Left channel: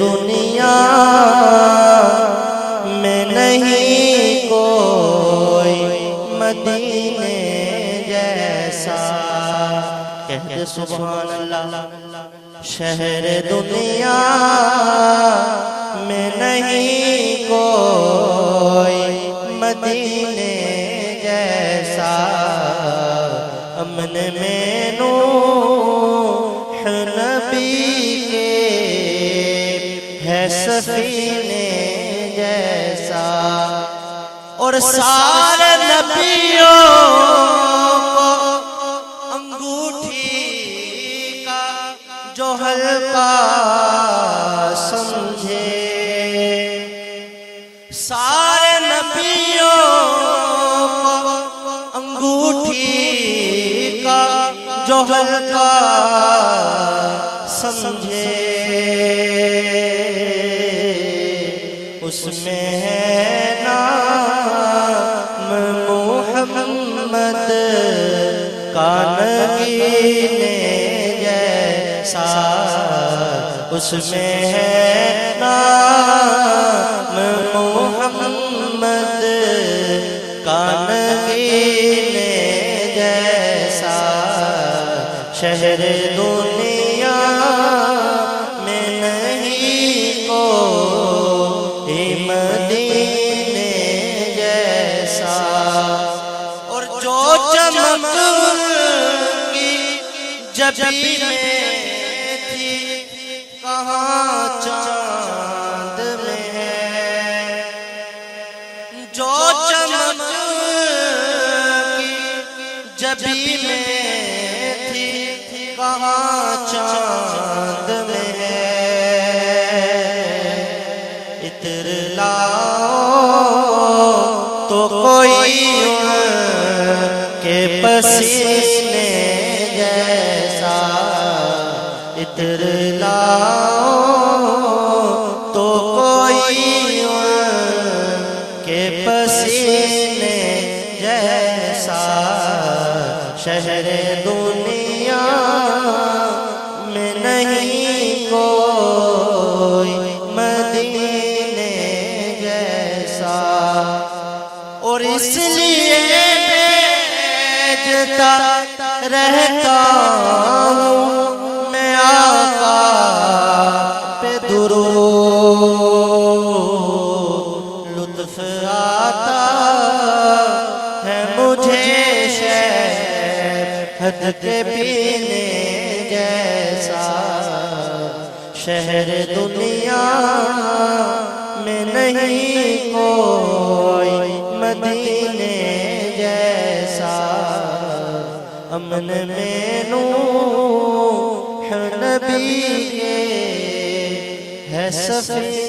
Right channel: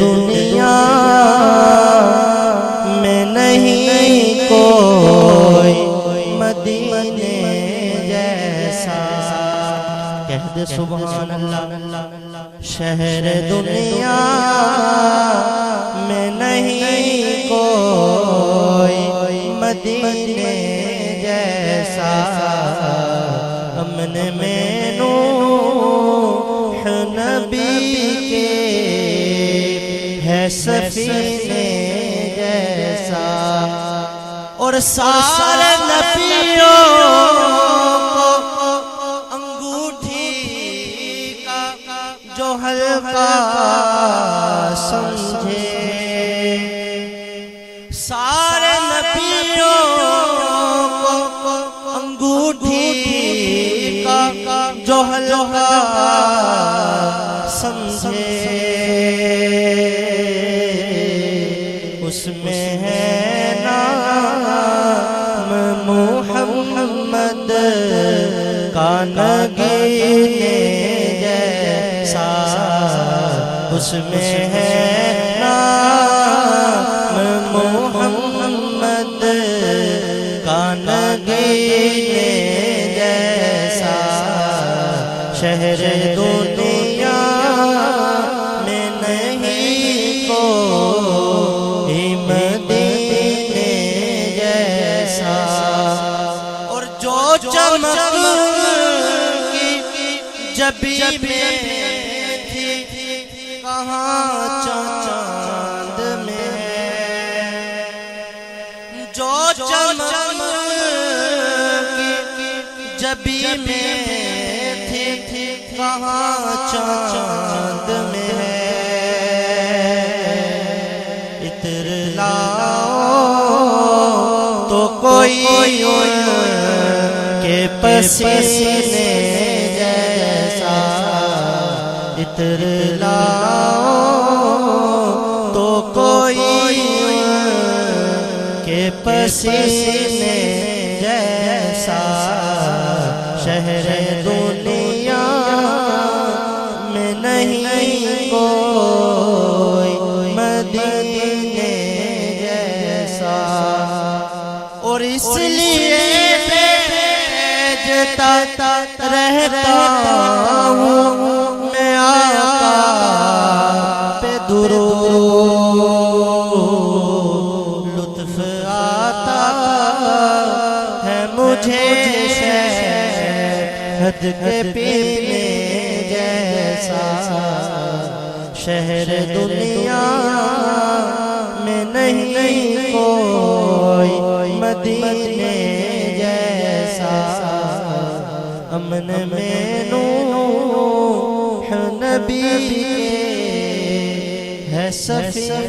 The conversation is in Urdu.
دنیا میں نہیں کوئی مدینے جیسا، کہہ دے سبحان اللہ۔ شہر دنیا میں نہیں کوئی مدینے جیسا، امن میں نوح نبی کے ہے سفینے جیسا، اور سارے نبیوں کو انگوٹھی کا جو حلقہ سمجھے، سارے نبیوں کو انگوٹھی کا جو حلقہ سمجھے، اس میں ہے نام محمد کا نگینے جیسا، اس میں ہے نام محمد کا نگینے جیسا، شہر دنیا میں نہیں کوئی مدینے جیسا، اور جو چمک کی جبی میں تھی کہاں چاند میں ہے، جو چمک کی جبی میں تھی کہاں چاند میں ہے، عطر لاؤ تو کوئی ان کے پسینے جیسا، عطر لاؤ تو کوئی ان کے پسینے جیسا، شہر دنیا میں نہیں کوئی مدینے جیسا، اور اس لیے بھیجتا رہتا ہوں میں آقا پہ درود، لطف آتا ہے مجھے شہد کے پینے جیسا، شہر دنیا میں نہیں کوئی مدینے جیسا، امن میں نوح نبی کے ہے سفینے